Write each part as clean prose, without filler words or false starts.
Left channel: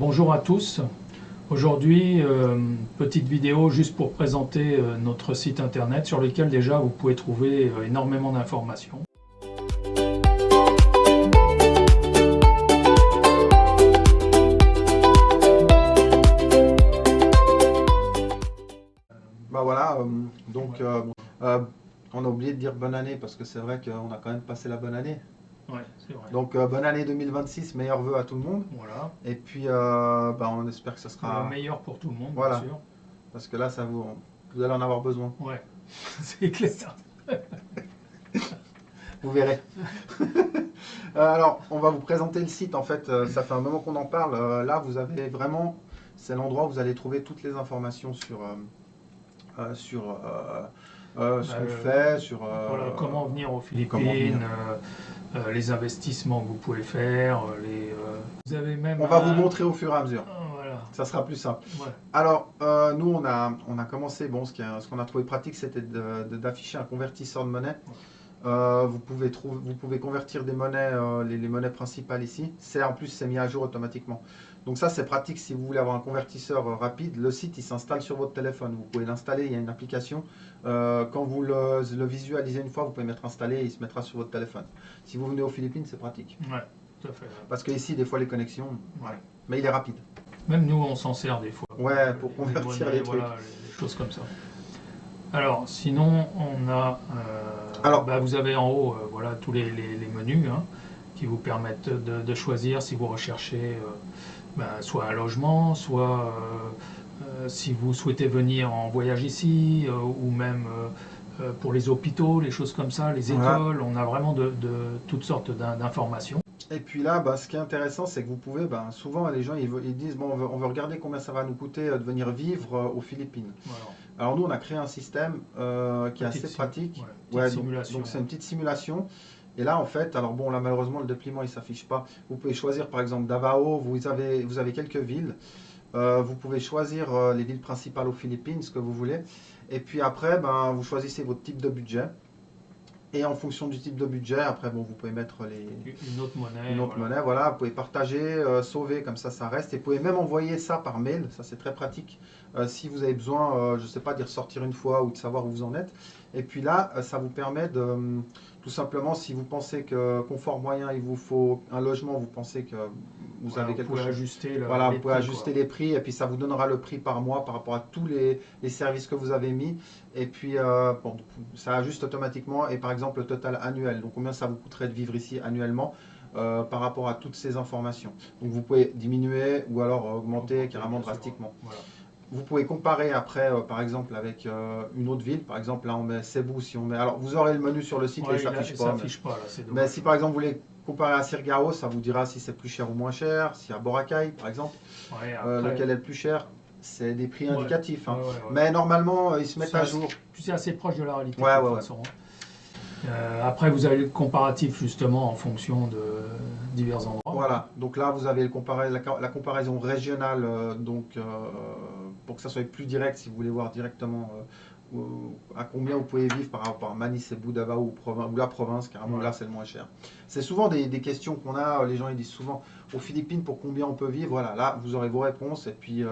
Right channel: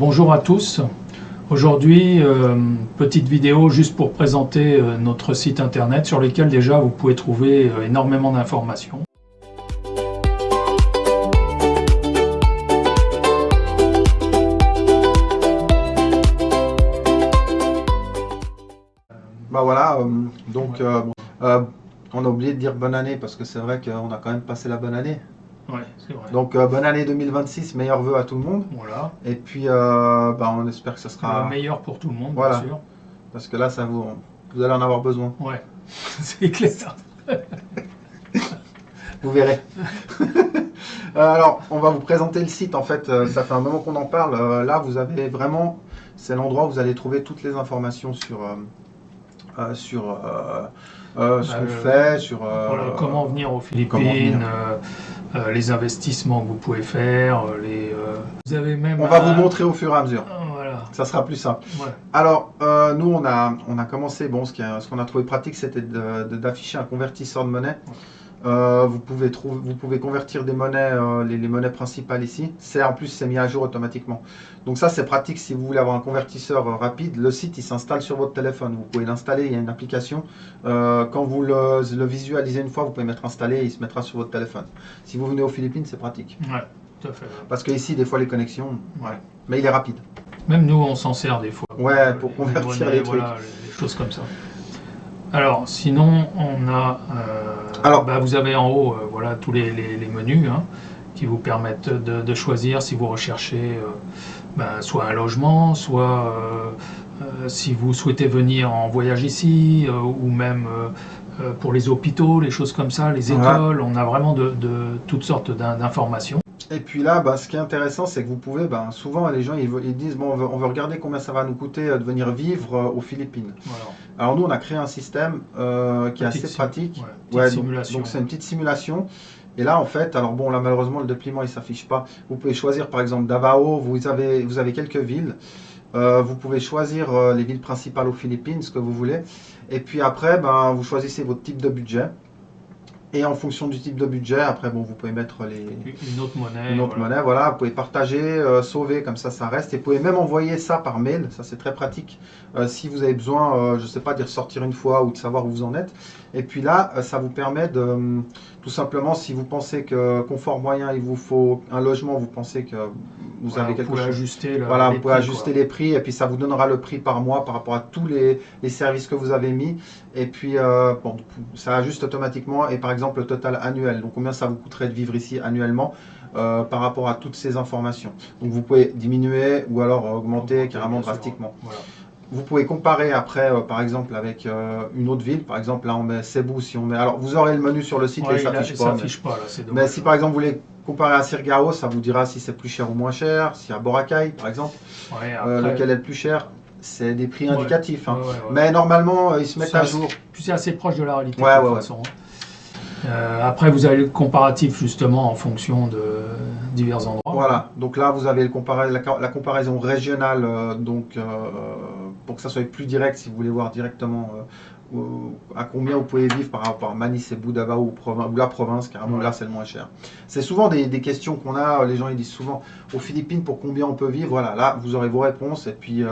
Bonjour à tous. Aujourd'hui, petite vidéo juste pour présenter notre site internet sur lequel déjà vous pouvez trouver énormément d'informations. Voilà, on a oublié de dire bonne année parce que c'est vrai qu'on a quand même passé la bonne année. Ouais, c'est vrai. Donc bonne année 2026, meilleurs vœux à tout le monde. Voilà. Et puis on espère que ça sera Le meilleur pour tout le monde, voilà, bien sûr. parce que là, vous allez en avoir besoin. Ouais, c'est clair. Vous verrez. Alors, on va vous présenter le site. En fait, ça fait un moment qu'on en parle. Là, vous avez vraiment, c'est l'endroit où vous allez trouver toutes les informations sur ce qu'on fait, sur voilà, comment venir aux Philippines, les investissements que vous pouvez faire, vous avez même. On va vous montrer au fur et à mesure. Voilà. Ça sera plus simple. Ouais. Alors, nous, on a commencé, ce qu'on a trouvé pratique, c'était d'afficher un convertisseur de monnaie. Vous pouvez convertir des monnaies, les monnaies principales ici. En plus, c'est mis à jour automatiquement. Donc ça, c'est pratique si vous voulez avoir un convertisseur rapide. Le site, il s'installe sur votre téléphone. Vous pouvez l'installer, il y a une application. Quand vous le visualisez une fois, vous pouvez mettre installé et il se mettra sur votre téléphone. Si vous venez aux Philippines, c'est pratique. Ouais, tout à fait. Parce que ici, des fois, les connexions, ouais. Mais il est rapide. Même nous, on s'en sert des fois. Ouais, pour convertir les trucs. Voilà, les choses comme ça. Alors, sinon, on a. Vous avez en haut, voilà, tous les menus qui vous permettent de choisir si vous recherchez soit un logement, soit si vous souhaitez venir en voyage ici, ou même pour les hôpitaux, les choses comme ça, les écoles. On a vraiment de toutes sortes d'informations. Et puis là, ce qui est intéressant, c'est que vous pouvez, souvent les gens ils disent, bon, on veut regarder combien ça va nous coûter de venir vivre aux Philippines. Voilà. Alors nous, on a créé un système qui est assez pratique. Donc c'est une petite simulation. Et là, en fait, alors bon, là malheureusement, le dépliant, il ne s'affiche pas. Vous pouvez choisir par exemple Davao, vous avez quelques villes. Vous pouvez choisir les villes principales aux Philippines, ce que vous voulez. Et puis après, vous choisissez votre type de budget. Et en fonction du type de budget, après, vous pouvez mettre une autre monnaie. Voilà. Vous pouvez partager, sauver, comme ça reste. Et vous pouvez même envoyer ça par mail. Ça, c'est très pratique. Si vous avez besoin, je ne sais pas, d'y ressortir une fois ou de savoir où vous en êtes. Et puis là, ça vous permet de, tout simplement, si vous pensez que confort moyen, il vous faut un logement, vous pensez que vous avez quelque chose. Vous pouvez ajuster les prix et puis ça vous donnera le prix par mois par rapport à tous les services que vous avez mis. Et puis, ça ajuste automatiquement. Et par exemple, le total annuel. Donc, combien ça vous coûterait de vivre ici annuellement par rapport à toutes ces informations. Donc, vous pouvez diminuer ou alors augmenter carrément drastiquement. Voilà. Vous pouvez comparer après, par exemple, avec une autre ville. Par exemple, là, on met Cebu. Si on met, alors, vous aurez le menu sur le site, mais ça s'affiche pas. Mais si par exemple, vous voulez comparer à Siargao, ça vous dira si c'est plus cher ou moins cher. Si à Boracay, par exemple, lequel est le plus cher. C'est des prix indicatifs. Mais normalement, ils se mettent à jour. C'est assez proche de la réalité. De toute façon. Après, vous avez le comparatif justement en fonction de divers endroits. Voilà. Donc là, vous avez la comparaison régionale. Pour que ça soit plus direct, si vous voulez voir directement à combien vous pouvez vivre par rapport à Manille, Cebu, Davao ou la province, carrément là c'est le moins cher. C'est souvent des questions qu'on a, les gens ils disent souvent aux Philippines pour combien on peut vivre, voilà, là vous aurez vos réponses et puis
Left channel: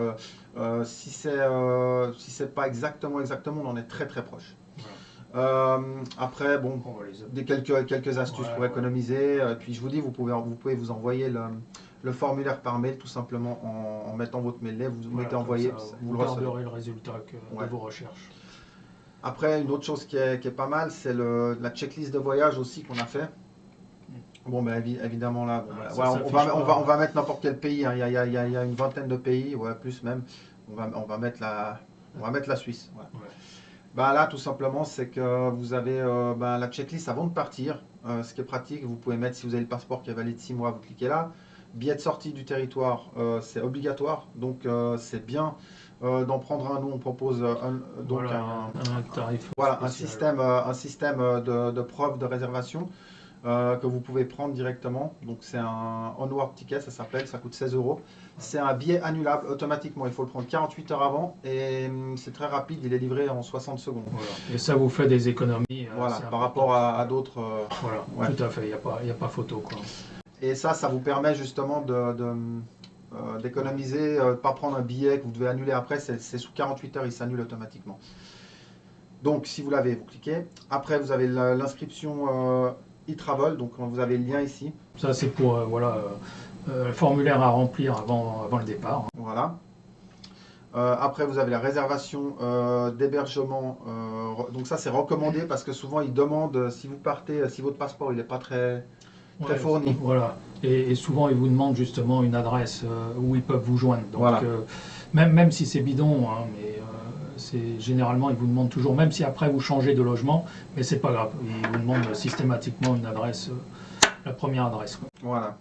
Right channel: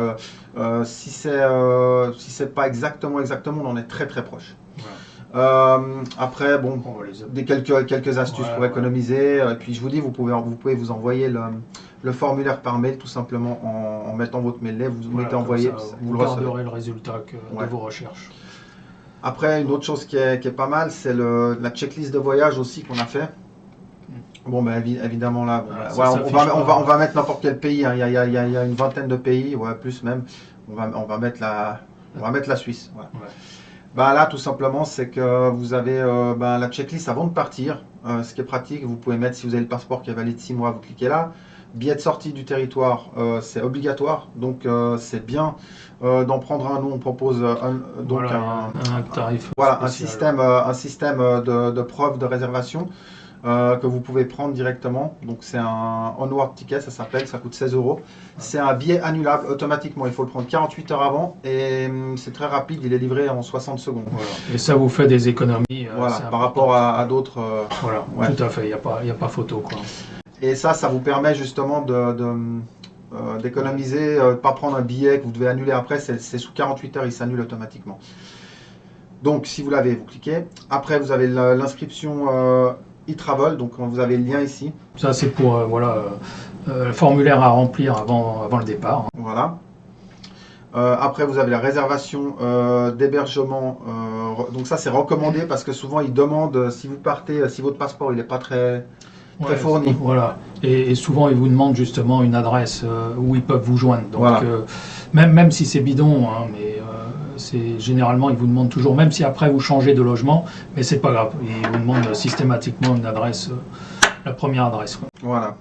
si c'est pas exactement, on en est très proche. Après quelques astuces pour économiser, et puis je vous dis vous pouvez vous envoyer le formulaire par mail tout simplement en mettant votre mail là, vous mettez envoyer, vous garderez le résultat de vos recherches. Après, une autre chose qui est pas mal, c'est la checklist de voyage aussi qu'on a fait. Bon, évidemment là, on va mettre n'importe quel pays. Il y a une vingtaine de pays, plus même. On va mettre la Suisse. Là, tout simplement, c'est que vous avez la checklist avant de partir. Ce qui est pratique, vous pouvez mettre, si vous avez le passeport qui est valide 6 mois, vous cliquez là. Billet de sortie du territoire, c'est obligatoire, donc c'est bien d'en prendre un. Nous, on propose un tarif. Voilà, un système de preuve de réservation que vous pouvez prendre directement. Donc c'est un onward ticket, ça s'appelle, ça coûte 16 €. C'est un billet annulable automatiquement, il faut le prendre 48 heures avant et c'est très rapide, il est livré en 60 secondes. Voilà. Et ça vous fait des économies par rapport à d'autres. Tout à fait, il n'y a pas photo, quoi. Et ça vous permet justement d'économiser, pas prendre un billet que vous devez annuler après, c'est sous 48 heures, il s'annule automatiquement. Donc si vous l'avez, vous cliquez. Après vous avez l'inscription e-travel, donc vous avez le lien ici. Ça c'est pour le formulaire à remplir avant le départ. Voilà. Après vous avez la réservation d'hébergement. Donc ça c'est recommandé parce que souvent ils demandent si vous partez, si votre passeport il n'est pas très fourni. Voilà. Et souvent, ils vous demandent justement une adresse où ils peuvent vous joindre. Donc, voilà. Même si c'est bidon, hein, mais généralement, ils vous demandent toujours, même si après vous changez de logement, mais c'est pas grave. Ils vous demandent systématiquement une adresse, la première adresse. Quoi. Voilà.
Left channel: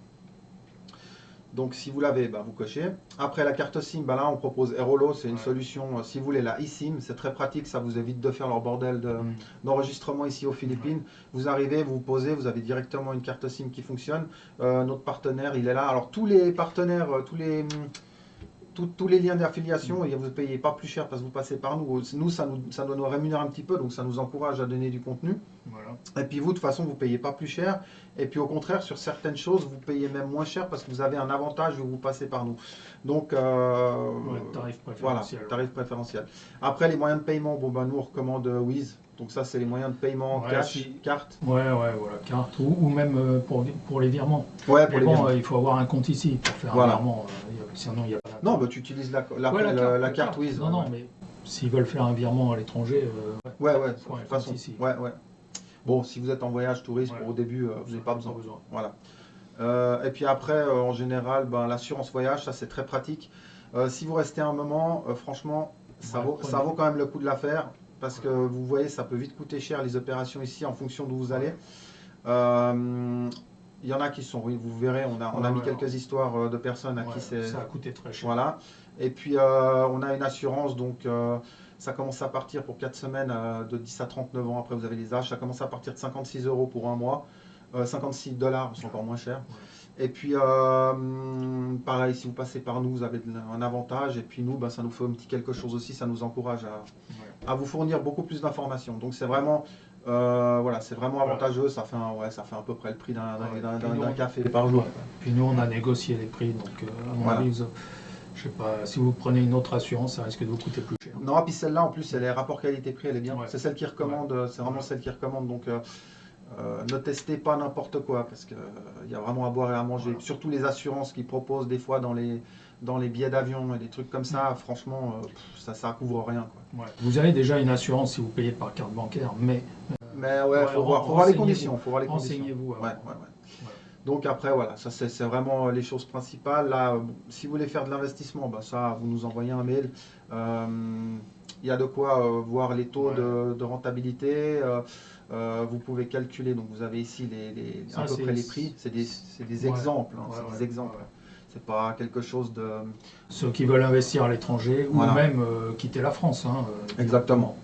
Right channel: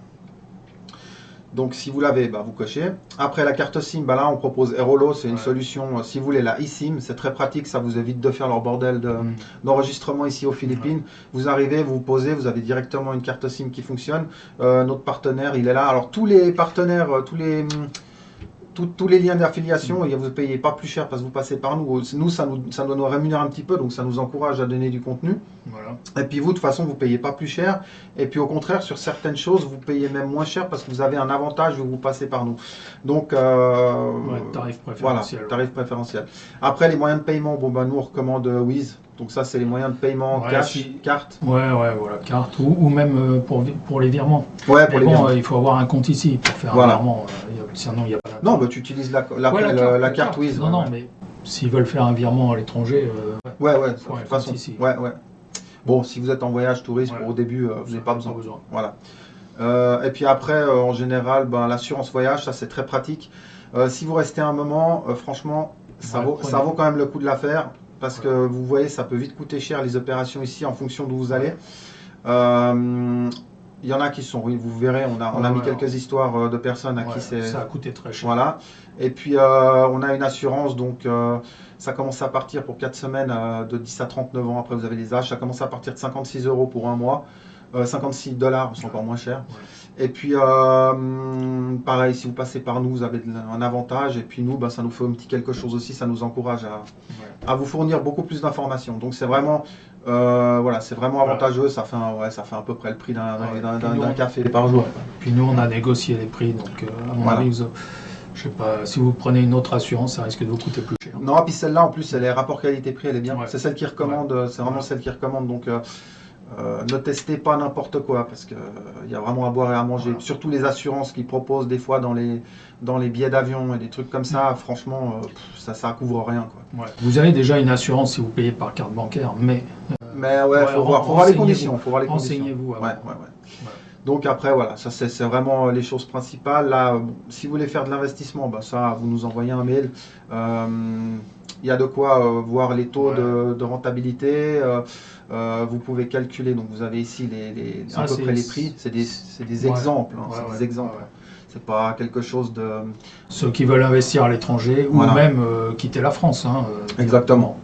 Donc si vous l'avez, vous cochez. Après la carte SIM, là on propose Airolo, c'est une solution, si vous voulez la eSIM, c'est très pratique, ça vous évite de faire leur bordel d'enregistrement ici aux Philippines. Vous arrivez, vous posez, vous avez directement une carte SIM qui fonctionne. Notre partenaire, il est là. Alors tous les partenaires, tous les liens d'affiliation, et vous ne payez pas plus cher parce que vous passez par nous. Nous, ça doit nous rémunérer un petit peu, donc ça nous encourage à donner du contenu. Voilà. Et puis vous, de toute façon, vous ne payez pas plus cher. Et puis au contraire, sur certaines choses, vous payez même moins cher parce que vous avez un avantage vu que vous passez par nous. Donc, tarif préférentiel. Voilà, tarif préférentiel. Après, les moyens de paiement, nous on recommande Wiz. Donc ça, c'est les moyens de paiement cash, carte. Voilà, carte ou même pour les virements. Ouais, pour les virements. Il faut avoir un compte ici pour faire un virement. Sinon, il n'y a pas non, tu utilises la carte Wiz. Non, mais s'ils veulent faire un virement à l'étranger, de toute façon. Ici. Ouais. Bon, si vous êtes en voyage touriste, au début, vous n'avez pas besoin. Voilà. Et puis après, en général, l'assurance voyage, ça c'est très pratique. Si vous restez un moment, franchement, ça vaut quand même le coup de la faire. Parce que vous voyez, ça peut vite coûter cher les opérations ici en fonction d'où vous allez. Il y en a qui sont, vous verrez, on a mis quelques histoires de personnes à qui ça a coûté très cher. Voilà. Et puis on a une assurance, donc ça commence à partir pour 4 semaines de 10 à 39 ans. Après vous avez les âges, ça commence à partir de 56 € pour un mois. 56 $, c'est encore moins cher. Et puis pareil, si vous passez par nous, vous avez un avantage. Et puis nous, ça nous fait un petit quelque chose aussi, ça nous encourage à vous fournir beaucoup plus d'informations. Donc c'est vraiment, c'est vraiment avantageux. Ça fait à peu près le prix d'un café par jour. Puis nous, on a négocié les prix, donc à mon avis, je sais pas, si vous prenez une autre assurance, ça risque de vous coûter plus cher. Non, puis celle-là, en plus, elle est rapport qualité-prix, elle est bien. C'est celle qui recommande, c'est vraiment celle qui recommande. Donc ne testez pas n'importe quoi parce qu'il y a vraiment à boire et à manger. Surtout les assurances qu'ils proposent des fois dans les billets d'avion et des trucs comme ça, franchement, ça couvre rien. Quoi. Vous avez déjà une assurance si vous payez par carte bancaire, mais faut voir les conditions. Renseignez-vous avant. Donc après, ça c'est vraiment les choses principales. Là, si vous voulez faire de l'investissement, ça, vous nous envoyez un mail. Il y a de quoi voir les taux de rentabilité. Vous pouvez calculer, donc vous avez ici à peu près les prix. C'est des exemples. C'est des exemples. C'est pas quelque chose de... Ceux qui veulent investir à l'étranger ou même quitter la France. Exactement.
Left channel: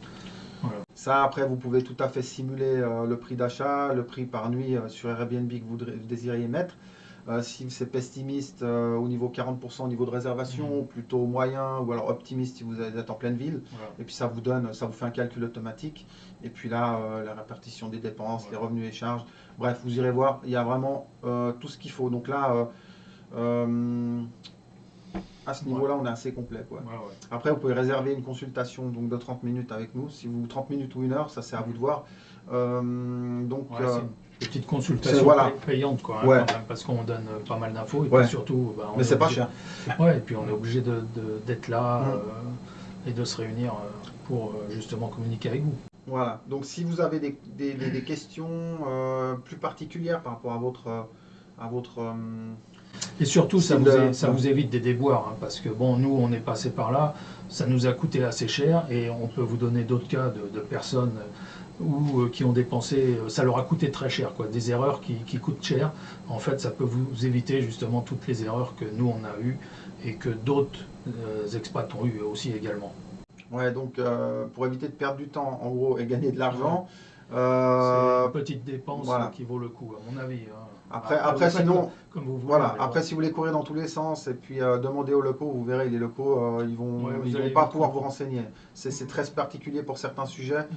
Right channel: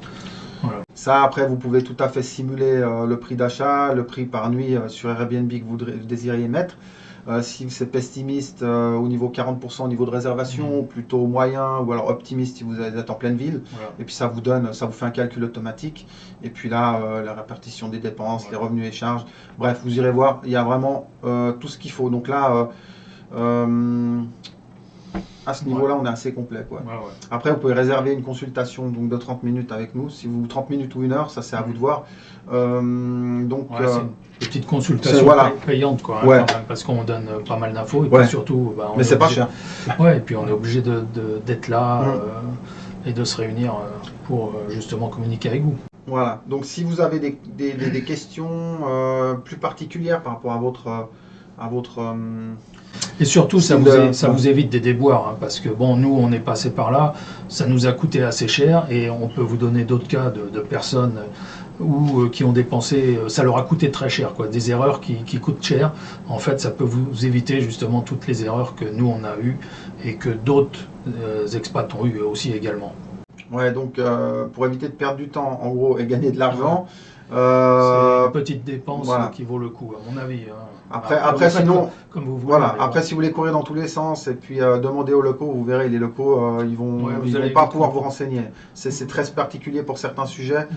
Voilà. Ça, après, vous pouvez tout à fait simuler le prix d'achat, le prix par nuit sur Airbnb que vous désiriez mettre. Si c'est pessimiste au niveau 40% au niveau de réservation, plutôt moyen ou alors optimiste si vous êtes en pleine ville. Et puis ça vous fait un calcul automatique. Et puis là, la répartition des dépenses, les revenus et charges. Bref, vous irez voir, il y a vraiment tout ce qu'il faut. Donc là, à ce niveau-là, on est assez complet. Après, vous pouvez réserver une consultation donc, de 30 minutes avec nous. Si vous 30 minutes ou 1 heure, ça c'est à vous de voir. Une petite consultation payante, quand même, parce qu'on donne pas mal d'infos. Et puis surtout, mais c'est pas cher. Et puis on est obligé d'être là et de se réunir pour justement communiquer avec vous. Voilà. Donc si vous avez des questions plus particulières par rapport à votre et surtout, ça vous évite des déboires, parce que nous, on est passé par là, ça nous a coûté assez cher, et on peut vous donner d'autres cas de personnes qui ont dépensé, ça leur a coûté très cher, des erreurs qui coûtent cher. En fait, ça peut vous éviter justement toutes les erreurs que nous, on a eues, et que d'autres expats ont eues aussi également. Ouais, donc pour éviter de perdre du temps, en gros, et gagner de l'argent... c'est une petite dépense qui vaut le coup, à mon avis. Après sinon, comme vous voulez, après si vous voulez courir dans tous les sens et puis demander aux locaux, vous verrez, les locaux, ils vont pas pouvoir vous renseigner. C'est très particulier pour certains sujets.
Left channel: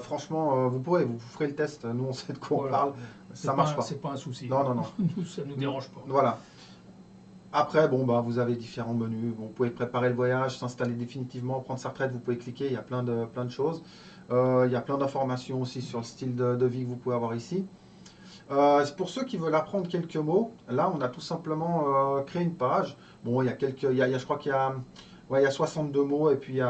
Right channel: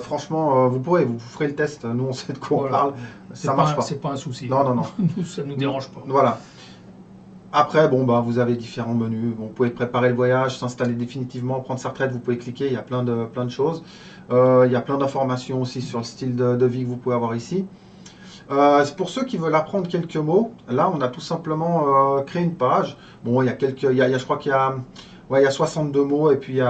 Franchement, vous ferez le test. Nous, on sait de quoi on parle. Ça marche pas. C'est pas un souci. Non. Nous, ça nous dérange pas. Voilà. Après, bon, bah, vous avez différents menus. Bon, vous pouvez préparer le voyage, s'installer définitivement, prendre sa retraite, vous pouvez cliquer, il y a plein de choses. Il y a plein d'informations aussi sur le style de vie que vous pouvez avoir ici. Pour ceux qui veulent apprendre quelques mots, là, on a tout simplement créé une page. Bon, il y a je crois qu'il y a, ouais, il y a 62 mots et puis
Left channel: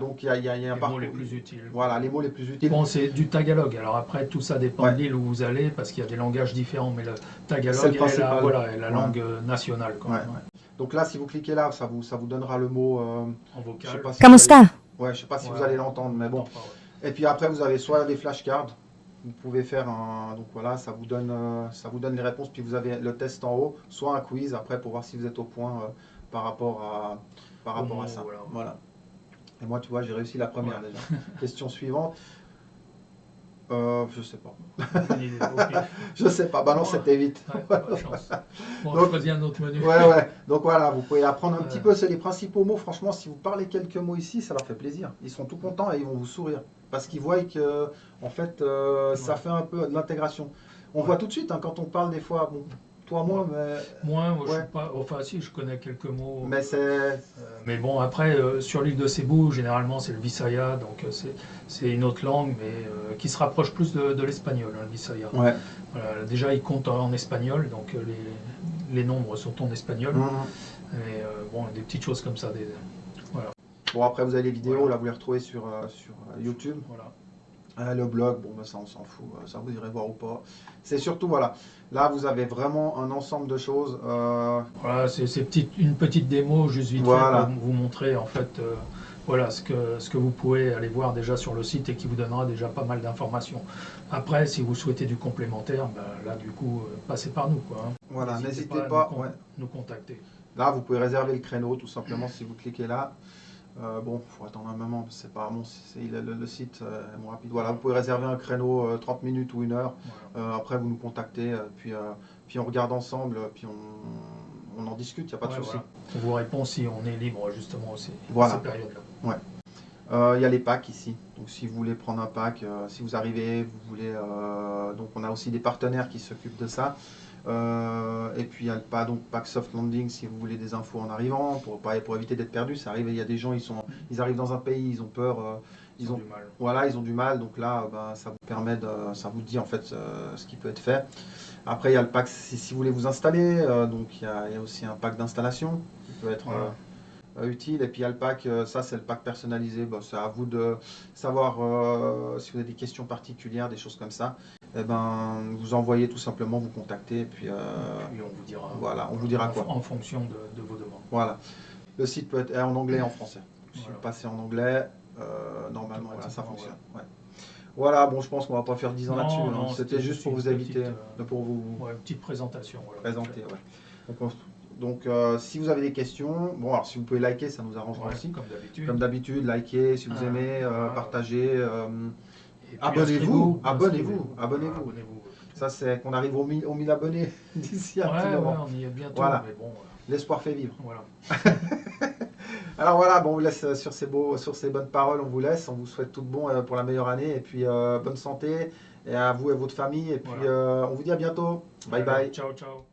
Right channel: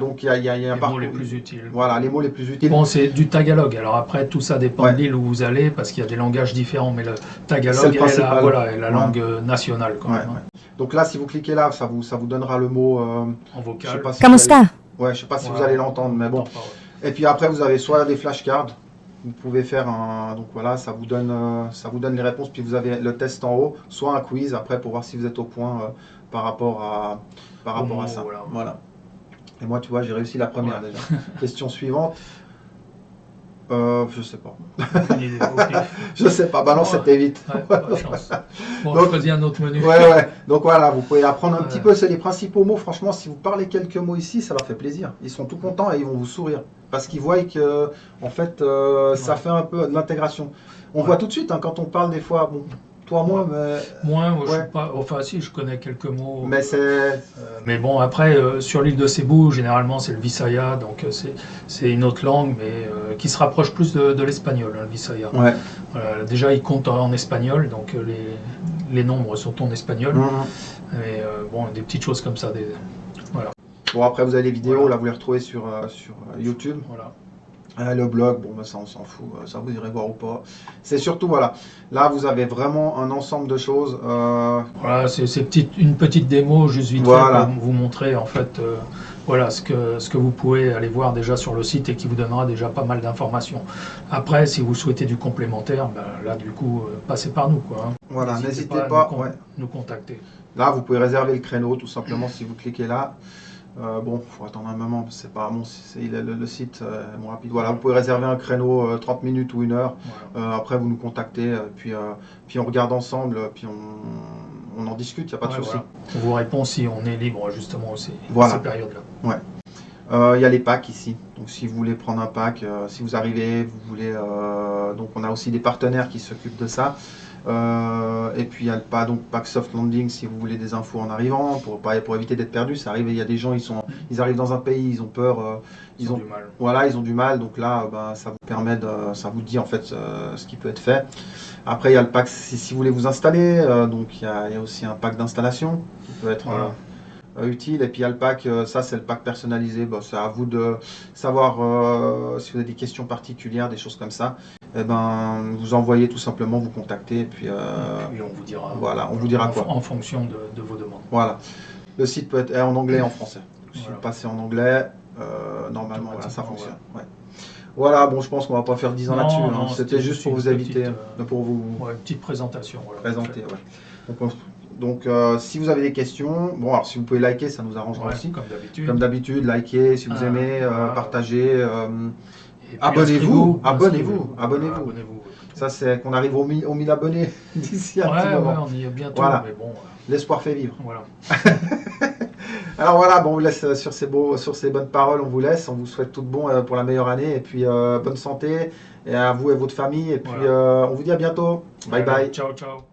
donc il y a un Les mots les plus utiles. Voilà, les mots les plus utiles. Bon, c'est du tagalog. Alors après, tout ça dépend Ouais. de l'île où vous allez, parce qu'il y a des langages différents. Mais le C'est tagalog le principal. voilà, est la Ouais. langue nationale quand Ouais. même. Donc là, si vous cliquez là, ça vous donnera le mot. En Je sais vocal. pas si ¿Cómo vous allez- está? Ouais, je sais pas si Ouais, vous allez l'entendre, mais bon. Attends, pas, ouais. Et puis après, vous avez soit des flashcards. Vous pouvez faire un. Donc voilà, ça vous donne les réponses. Puis vous avez le test en haut, soit un quiz après pour voir si vous êtes au point par rapport à ça. Voilà. Et moi, tu vois, j'ai réussi la première déjà. Question suivante. Je sais pas. Aucune idée. Ok. Je sais pas. Bah non, Ouais. c'était vite. Ouais, pas de chance. Bon, Donc- choisis un autre menu. Ouais. Donc voilà, vous pouvez apprendre un petit Ouais. peu. C'est les principaux mots. Franchement, si vous parlez quelques mots ici, ça leur fait plaisir. Ils sont tout contents et ils vont vous sourire parce qu'ils voient que, en fait, ça Ouais. fait un peu de l'intégration. On Ouais. voit tout de suite hein, quand on parle des fois. Bon, toi, moi, Moi, je Ouais. suis pas. Enfin, si, je connais quelques mots. mais c'est. Mais bon, après, sur l'île de Cebu, généralement, c'est le Visaya, donc c'est une autre langue, mais qui se rapproche plus de l'espagnol, hein, le Visaya. Ouais. Voilà, déjà, il compte en espagnol, donc les nombres sont en espagnol. Mhm. Et bon, des petites choses comme ça. Bon, après, vous avez les vidéos, Voilà. là, vous les retrouvez sur YouTube. Voilà. Le blog, bon, bah, ça, on s'en fout. Ça, vous irez voir ou pas. C'est surtout, voilà. Là, vous avez vraiment un ensemble de choses. Voilà, c'est une petite démo, juste vite Voilà. fait pour vous montrer en fait voilà, ce que vous pouvez aller voir déjà sur le site et qui vous donnera déjà pas mal d'informations. Après, si vous souhaitez du complémentaire, bah, là du coup, passez par nous, quoi, hein. Voilà, n'hésitez à pas. nous contacter. Là, vous pouvez réserver le créneau, tout simplement, si vous cliquez là. Bon, il faut attendre un moment, parce que c'est pas bon, le site est moins rapide. Voilà, vous pouvez réserver un créneau 30 minutes ou 1 heure. Voilà. Après, vous nous contactez, puis on regarde ensemble, puis on en discute, il n'y a pas de Ouais, souci. voilà. On vous répond si on est libre justement aussi Voilà. à ces périodes-là. Il y a les packs ici, donc si vous voulez prendre un pack, si vous arrivez, vous voulez, donc on a aussi des partenaires qui s'occupent de ça. Et puis il y a le pack soft landing si vous voulez des infos en arrivant, pour éviter d'être perdu. Ça arrive, il y a des gens, ils arrivent dans un pays, ils ont peur, Ils ont du mal. voilà, ils ont du mal, donc là, bah, ça vous permet ça vous dit en fait ce qui peut être fait. Après, il y a le pack si vous voulez vous installer, donc il y a aussi un pack d'installation qui peut être utile. Et puis il y a le pack, ça c'est le pack personnalisé. Bah, c'est à vous de savoir si vous avez des questions particulières, des choses comme ça. Et ben, vous envoyez tout simplement, vous contactez, et puis Et on vous dira. voilà, on vous dira quoi. En fonction de vos demandes. Voilà. Le site peut être en anglais et en français. Si Voilà. vous passez en anglais, normalement voilà, ça Automatiquement, fonctionne. Ouais. Voilà, bon, je pense qu'on va pas faire 10 ans Non, là-dessus. non, C'était juste pour vous inviter, pour vous Ouais, une petite présentation. Voilà. présenter. Ouais. Donc, si vous avez des questions, bon, alors si vous pouvez liker, ça nous arrangera Ouais, aussi. comme d'habitude. Comme d'habitude, likez si vous aimez, voilà. partagez. Et puis, Abonnez-vous, inscrivez-vous. abonnez-vous. Voilà, abonnez-vous. Ça, c'est qu'on arrive aux 1000 abonnés d'ici un petit Ouais, moment. on y est bientôt, Voilà. mais bon, L'espoir fait vivre. voilà. Alors voilà, bon, on vous laisse sur ces bonnes paroles, on vous laisse. On vous souhaite tout de bon pour la meilleure année et puis bonne santé et à vous et votre famille. Et puis Voilà. on vous dit à bientôt. Bye bye. Ciao, ciao.